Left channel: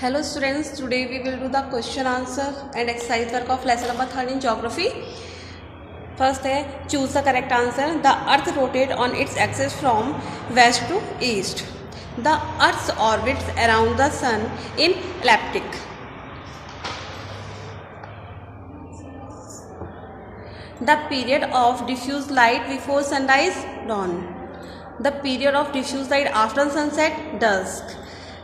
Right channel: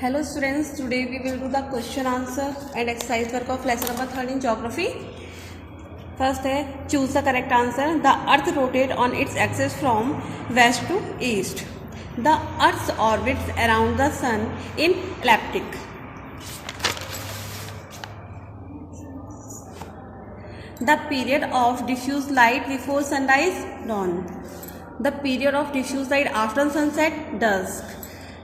Hello students, today we will do the question answer and exercise work of lesson number 13 in geography. First है choose the correct answer. The earth rotates on its axis from west to east. The earth orbits around the sun in elliptic. The period of diffuse light before sunrise, dawn. The period of diffuse light after sunset, dusk.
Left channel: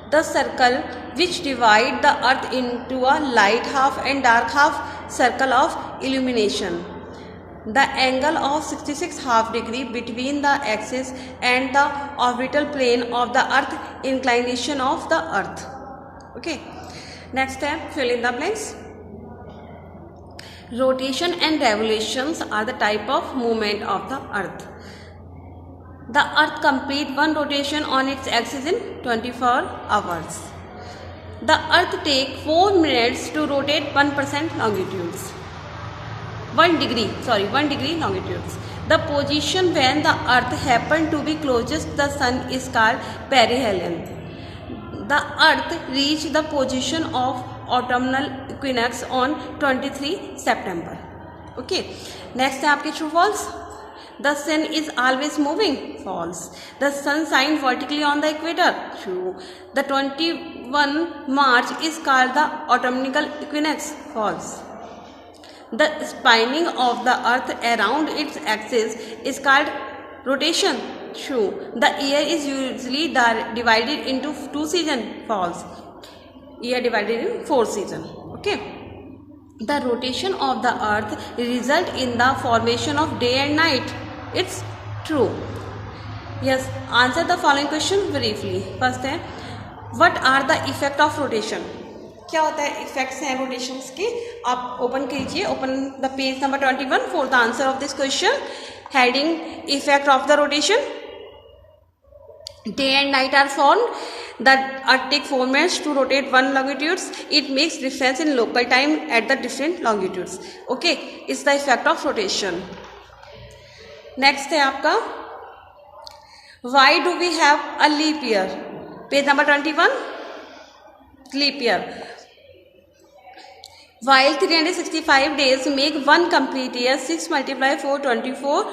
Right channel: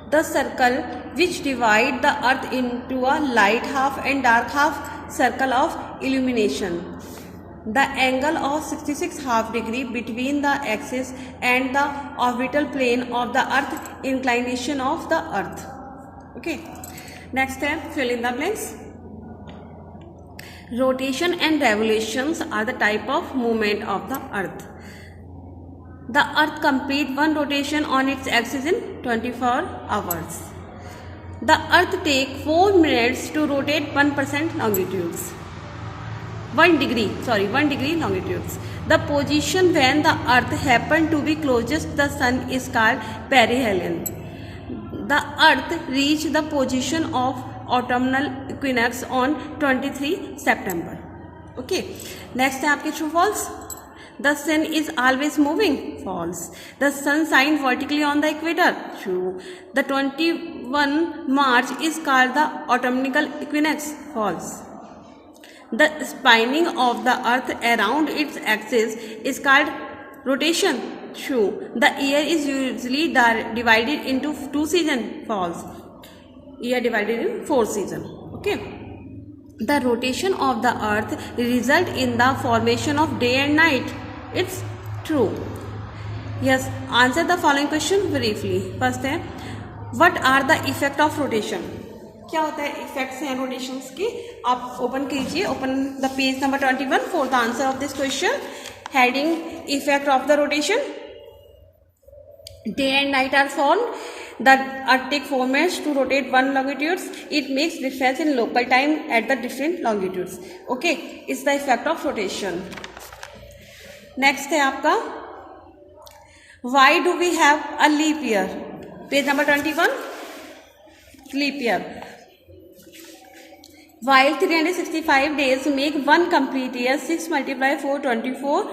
The circle which divide the earth into a light half and dark half, circle of illumination. The angle of 66 half degree between the axis and the orbital plane of the earth, inclination of the earth. Okay, next step, fill in the blanks. Rotation and revolutions are the type of movement of the earth. The earth completes one rotation on its axis in 24 hours. The earth takes 4 minutes to rotate 1% longitudes. 1 degree longitudes. The position when the earth happens to be closest to the sun is called perihelion. The earth reached the position of autumnal equinox on 23 September. Okay. Next है आपके true false. The sun is always moving, false. The sun shines vertically on the equator, true. The 21 March is called the autumnal equinox, false. The spinning of the earth around its axis is called rotation, true. The year is usually divided into 2 seasons, false. Year divided in 4 seasons, okay. The rotation of the earth results in the formation of day and night. It's true. Yes, answer the following question briefly. First है, what are the effect of rotation? क्या होता है effects हैं rotations के? आप open कीजिए, open the page number 21 for the answer of this question. Heading effect of the rotation. Day and night are formed. The earth takes 4 minutes to rotate 1 longitudes. It makes difference in local time at the different longitudes. Okay, it's the effect of rotation. Next है आपका Why do we have a leap year? Page number 21. Leap year. While 365 days make one complete year, 6 multiplied 4, 24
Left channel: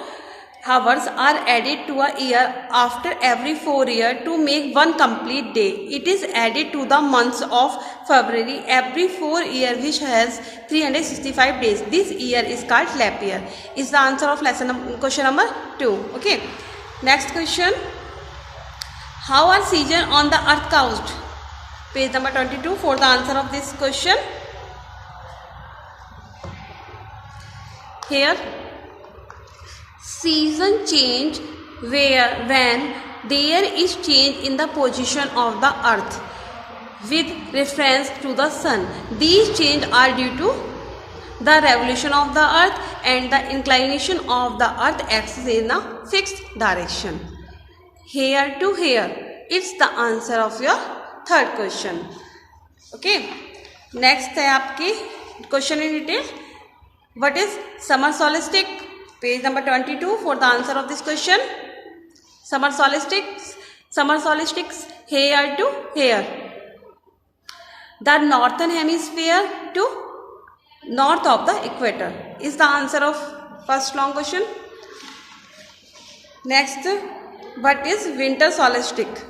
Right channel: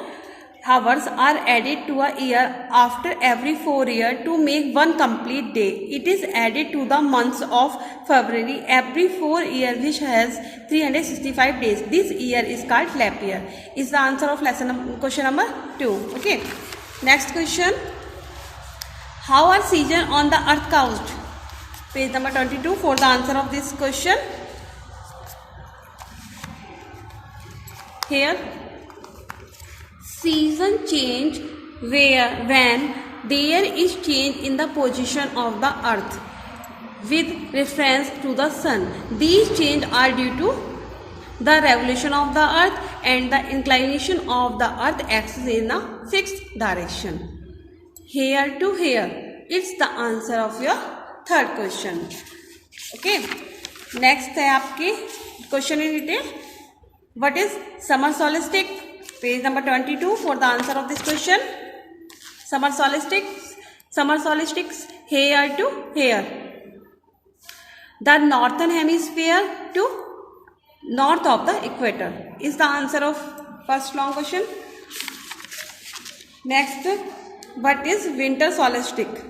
hours are added to a year after every 4 years to make one complete day. It is added to the months of February every 4 years, which has 365 days. This year is called leap year. Is the answer of question number 2. Okay. Next question. How are seasons on the earth caused? Page number 22 for the answer of this question. Here, season change when there is change in the position of the earth with reference to the sun. These changes are due to the revolution of the earth and the inclination of the earth axis in a fixed direction. Here to here. It's the answer of your third question. Okay. Next है आपकी question in detail. What is summer solstice? Page number 22 for the answer of this question. Summer solstice here to here. The northern hemisphere to north of the equator is the answer of first long question. Next, what is winter solstice?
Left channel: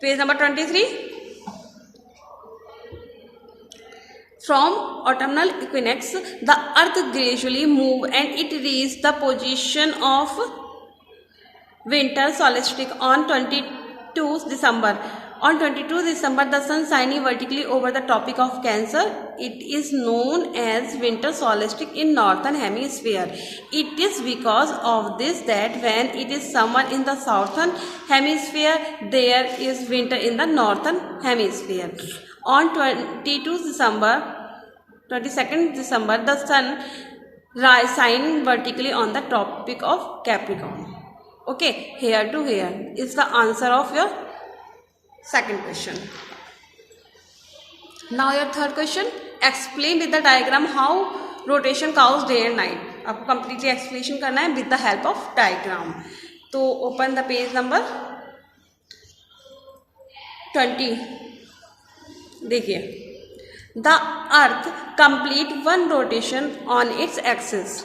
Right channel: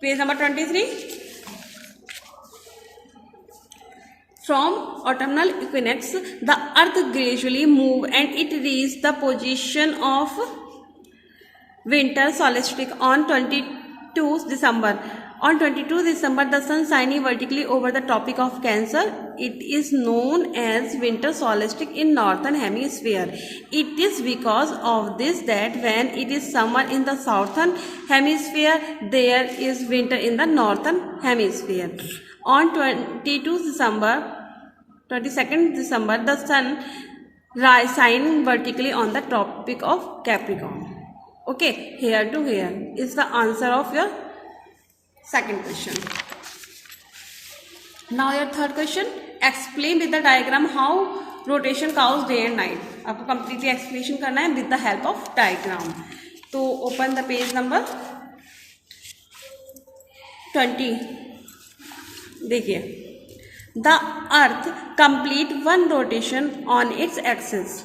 Page number 23. From autumnal equinox, the earth gradually moves and it reaches the position of winter solstice on 22 December. On 22 December, the sun shining vertically over the Tropic of Cancer. It is known as winter solstice in northern hemisphere. It is because of this that when it is summer in the southern hemisphere, there is winter in the northern hemisphere. On 22nd December, the sun shining vertically on the Tropic of Capricorn. Okay, here to here is the answer of your second question. Now your third question. Explain with the diagram how rotation causes day and night. आपको completely explanation करना है with the help of diagram. तो open the page number 20. देखिए, the earth complete one rotation on its axis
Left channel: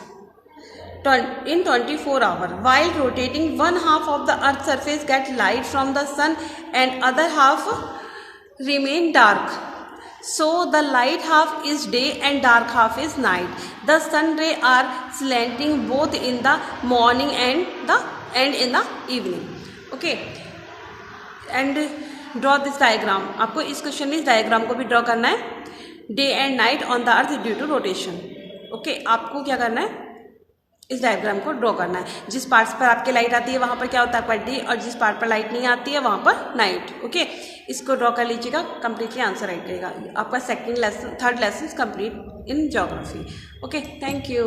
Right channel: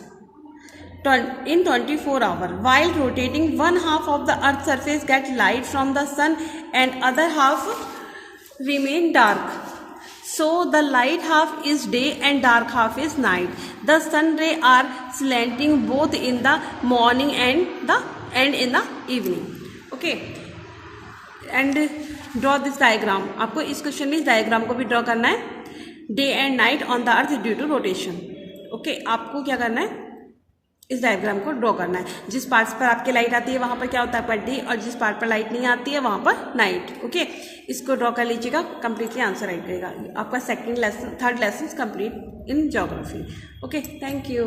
in 24 hours. While rotating, one half of the earth's surface gets light from the sun and other half remain dark. So the light half is day and dark half is night. The sun rays are slanting both in the morning and in the evening. Okay. And draw this diagram. आपको इस question में इस diagram को भी draw करना है. Day and night on the earth due to rotation. Okay, आपको क्या करना है, इस डायग्राम को ड्रॉ करना है. जिस पार्ट्स पर आपकी लाइट आती है वहां पर क्या होता है आपका डे, और जिस पार्ट पर लाइट नहीं आती है वहां पर नाइट. ओके, इसको ड्रॉ कर लीजिएगा, कंप्लीटली आंसर राइट रहेगा. आपका third lesson complete in geography. Okay, thank you.